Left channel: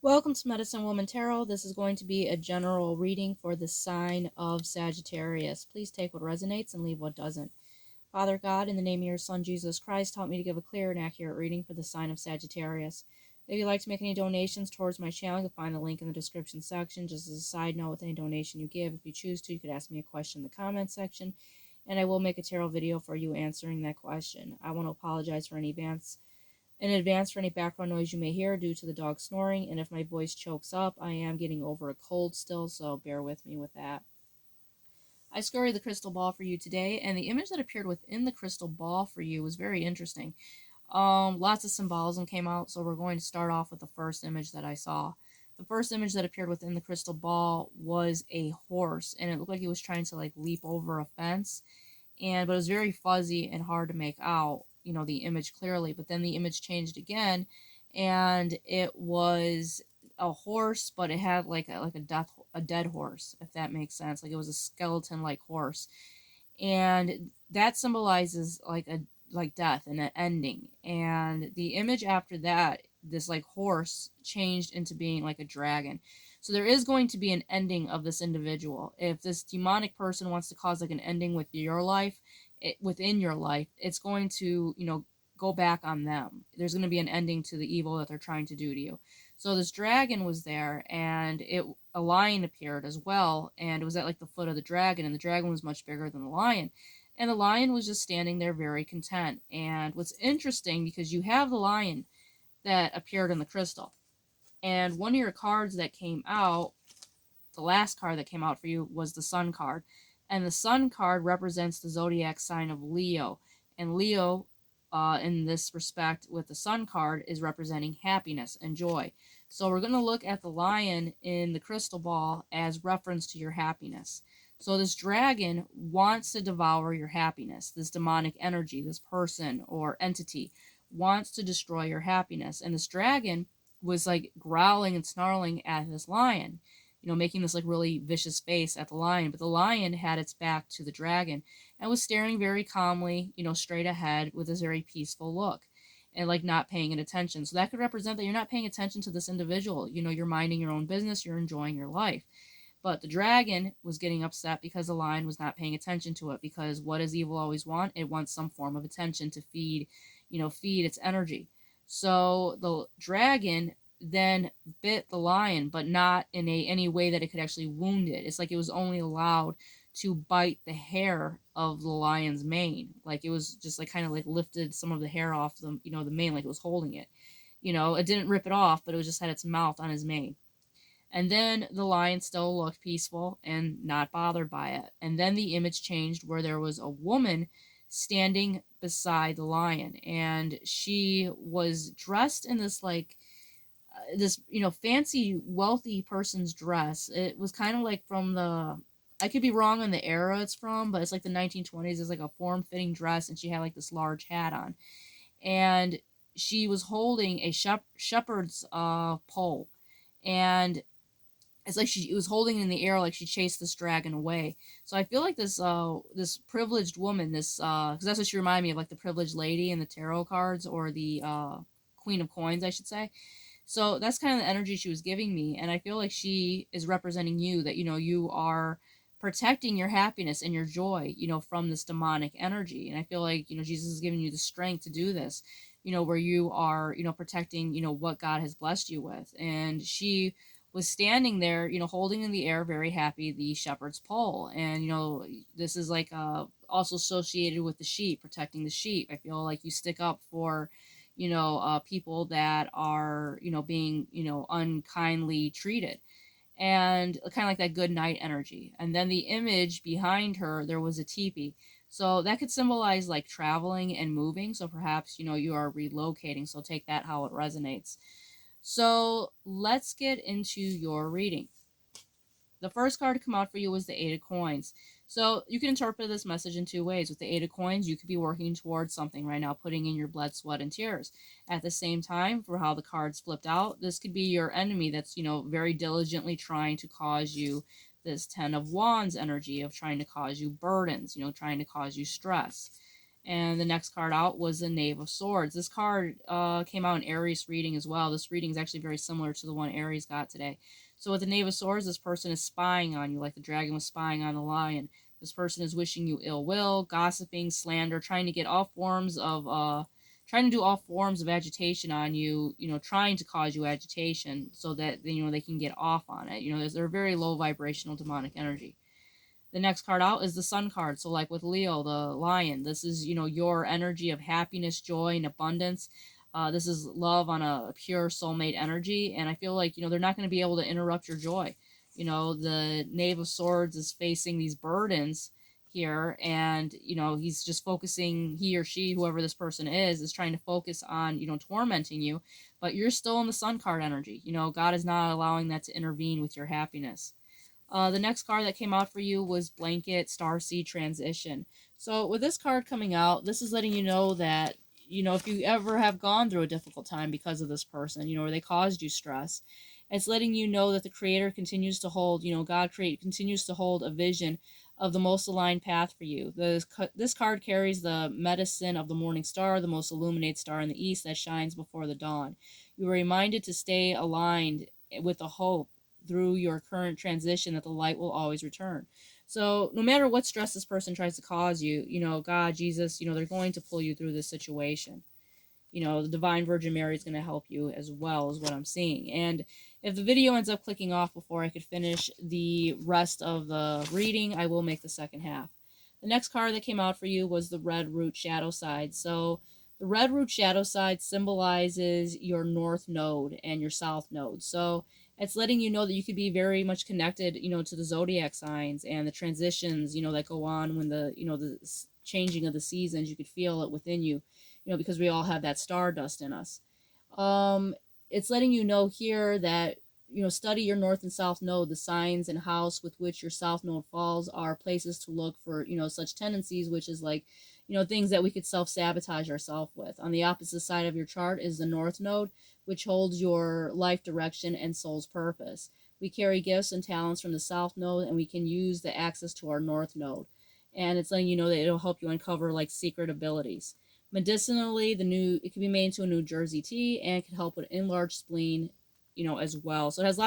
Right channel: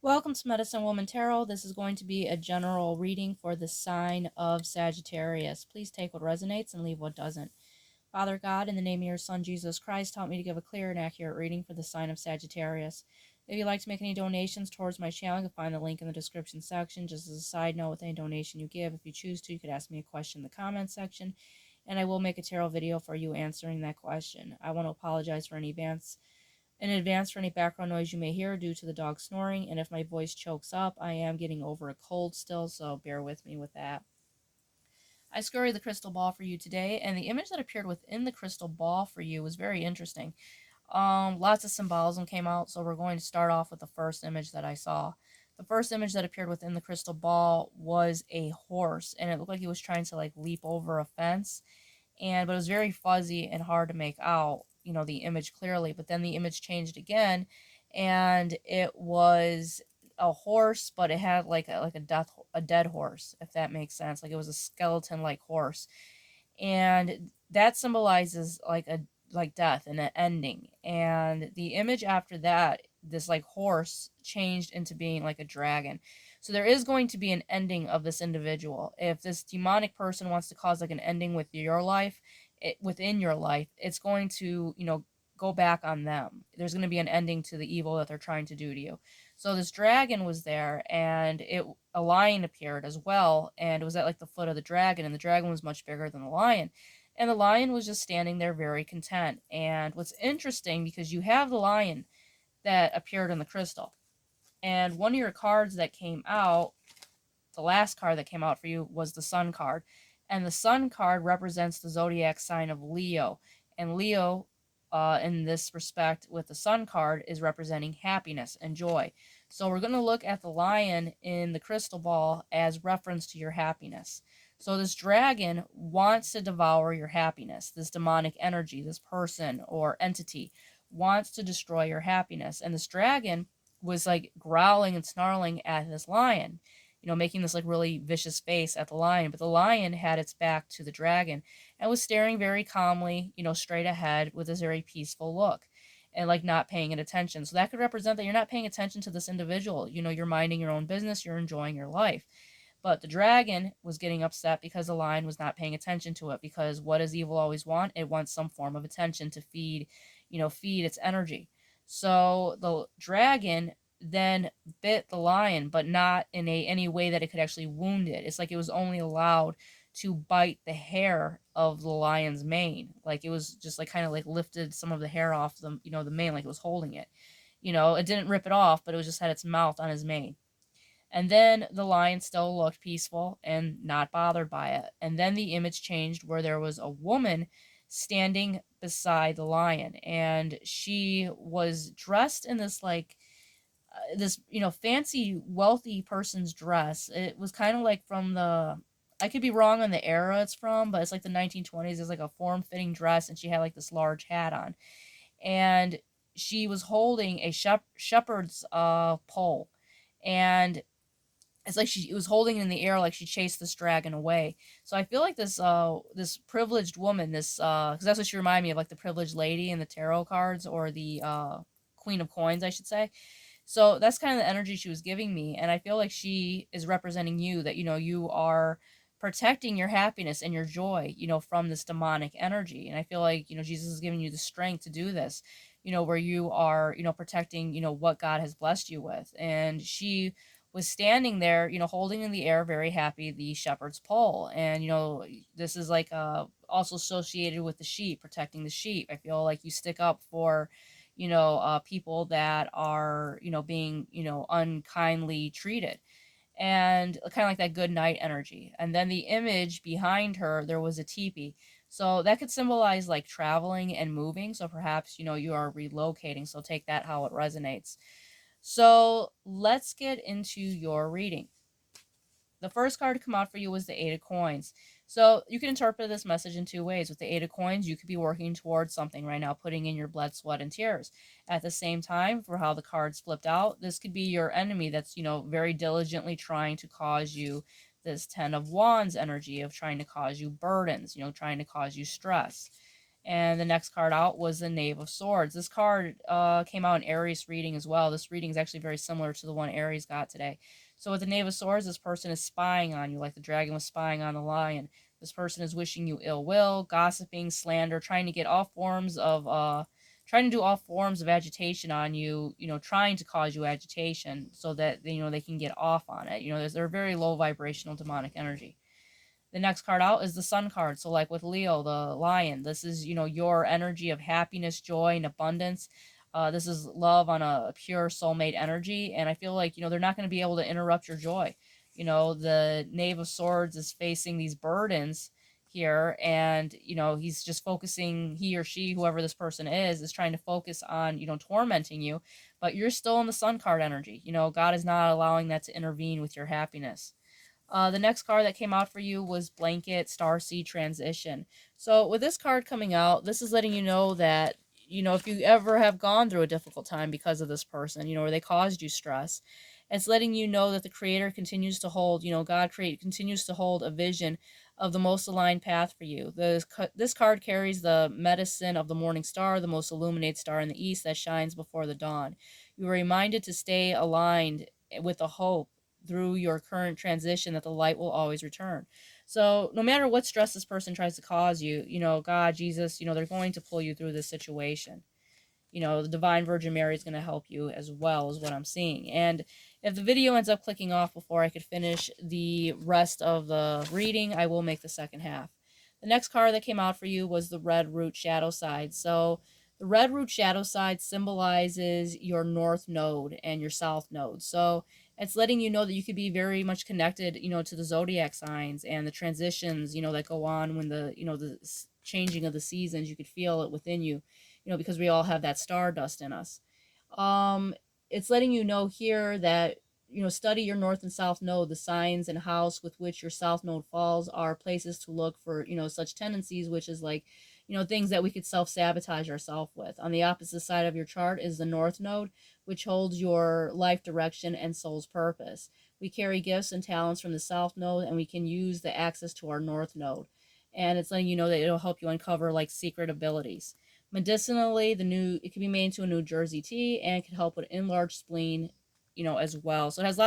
Welcome to Medicine Woman Tarot. This is going to be a general reading for the sign of Sagittarius. Please take what resonates and leave what doesn't. Father God, in the name of your Son, Jesus Christ, help me to give a clear and accurate reading for the sign of Sagittarius. If you'd like to make any donations towards my channel, you can find the link in the description section. Just as a side note, with any donation you give, if you choose to, you could ask me a question in the comment section, and I will make a tarot video for you answering that question. I want to apologize for any in advance for any background noise you may hear due to the dog snoring, and if my voice chokes up, I am getting over a cold still, so bear with me with that. I scurried the crystal ball for you today, and the image that appeared within the crystal ball for you was very interesting. Lots of symbolism came out, so we're going to start off with the first image that I saw. The first image that appeared within the crystal ball was a horse, and it looked like he was trying to like leap over a fence, but it was very fuzzy and hard to make out, the image clearly. But then the image changed again, and it was a horse, but it had like a dead horse, if that makes sense. Like it was a skeleton like horse, and that symbolizes like death and an ending. And the image after that, this like horse changed into being like a dragon. So there is going to be an ending of this individual. If this demonic person wants to cause like an ending with your life, within your life, it's going to, go back on them. There's going to be an ending to the evil that they're trying to do to you. So this dragon was there, and a lion appeared as well, and it was at like the foot of the dragon, and the dragon was much bigger than the lion. And the lion was just standing there very content. And what's interesting, because you have the lion that appeared in the crystal, and one of your cards that came out, the last card that came out for you, was the Sun card. And the Sun card represents the zodiac sign of Leo. And Leo, in this respect, with the Sun card, is representing happiness and joy. So we're going to look at the lion in the crystal ball as reference to your happiness. So this dragon wants to devour your happiness. This demonic energy, this person or entity, wants to destroy your happiness. And this dragon was like growling and snarling at this lion, making this like really vicious face at the lion. But the lion had its back to the dragon and was staring very calmly, straight ahead with this very peaceful look and like not paying it attention. So that could represent that you're not paying attention to this individual. You're minding your own business, you're enjoying your life. But the dragon was getting upset because the lion was not paying attention to it. Because what does evil always want? It wants some form of attention to feed its energy. So the dragon then bit the lion, but not in any way that it could actually wound it. It's like it was only allowed to bite the hair of the lion's mane. Like it was just like kind of like lifted some of the hair off the mane, like it was holding it. It didn't rip it off, but it was just had its mouth on his mane. And then the lion still looked peaceful and not bothered by it. And then the image changed where there was a woman standing beside the lion, and she was dressed in this like this fancy wealthy person's dress. It was kind of like from the, I could be wrong on the era it's from, but it's like the 1920s. It's like a form-fitting dress, and she had like this large hat on, and she was holding a shepherd's pole, and it's like she was holding it in the air like she chased this dragon away. So I feel like this privileged woman, this because that's what she reminded me of, like the privileged lady in the tarot cards, or the Queen of Coins, I should say. So that's kind of the energy she was giving me, and I feel like she is representing you, that you are protecting your happiness and your joy, from this demonic energy. And I feel like Jesus is giving you the strength to do this, where you are protecting what God has blessed you with. And she was standing there, holding in the air, very happy, the shepherd's pole. And this is like also associated with the sheep, protecting the sheep. I feel like you stick up for people that are being unkindly treated, and kind of like that good night energy. And then the image behind her, there was a teepee. So that could symbolize like traveling and moving. So perhaps you are relocating. So take that how it resonates. So let's get into your reading. The first card to come out for you was the Eight of Coins. So you can interpret this message in two ways. With the Eight of Coins, you could be working towards something right now, putting in your blood, sweat, and tears. At the same time, for how the cards flipped out, this could be your enemy that's, very diligently trying to cause you this Ten of Wands energy of trying to cause you burdens, trying to cause you stress. And the next card out was the Knave of Swords. This card came out in Aries reading as well. This reading is actually very similar to the one Aries got today. So with the Knave of Swords, this person is spying on you, like the dragon was spying on the lion. This person is wishing you ill will, gossiping, slander, trying to get all forms of trying to do all forms of agitation on you, trying to cause you agitation so that they can get off on it. They're very low vibrational demonic energy. The next card out is the Sun card. So like with Leo, the lion, this is, your energy of happiness, joy, and abundance. This is love on a pure soulmate energy. And I feel like, they're not going to be able to interrupt your joy. The Knave of Swords is facing these burdens here, and he's just focusing, he or she, whoever this person is trying to focus on tormenting you, but you're still in the Sun card energy. God is not allowing that to intervene with your happiness. The next card that came out for you was Blanket Starseed Transition. So with this card coming out, this is letting you know that, if you ever have gone through a difficult time because of this person, where they caused you stress, it's letting you know that the Creator continues to hold, continues to hold a vision of the most aligned path for you. This card carries the medicine of the morning star, the most illuminated star in the east that shines before the dawn. You are reminded to stay aligned with the hope through your current transition that the light will always return. So no matter what stress this person tries to cause you, God, Jesus, they're going to pull you through this situation. The Divine Virgin Mary is going to help you as well, is what I'm seeing. And if the video ends up clicking off before I could finish the rest of the reading, I will make the second half. The next card that came out for you was the Red Root Shadow Side. So the Red Root Shadow Side symbolizes your North Node and your South Node. So it's letting you know that you could be very much connected, to the zodiac signs and the transitions, that go on when the changing of the seasons. You could feel it within you, because we all have that stardust in us. It's letting you know here that, study your North and South Node. The signs and house with which your South Node falls are places to look for, such tendencies, which is like, things that we could self-sabotage ourselves with. On the opposite side of your chart is the North Node, which holds your life direction and soul's purpose. We carry gifts and talents from the South Node, and we can use the access to our North Node. And it's letting you know that it'll help you uncover like secret abilities. Medicinally, it can be made into a New Jersey tea, and it can help with enlarged spleen, as well. So it has lots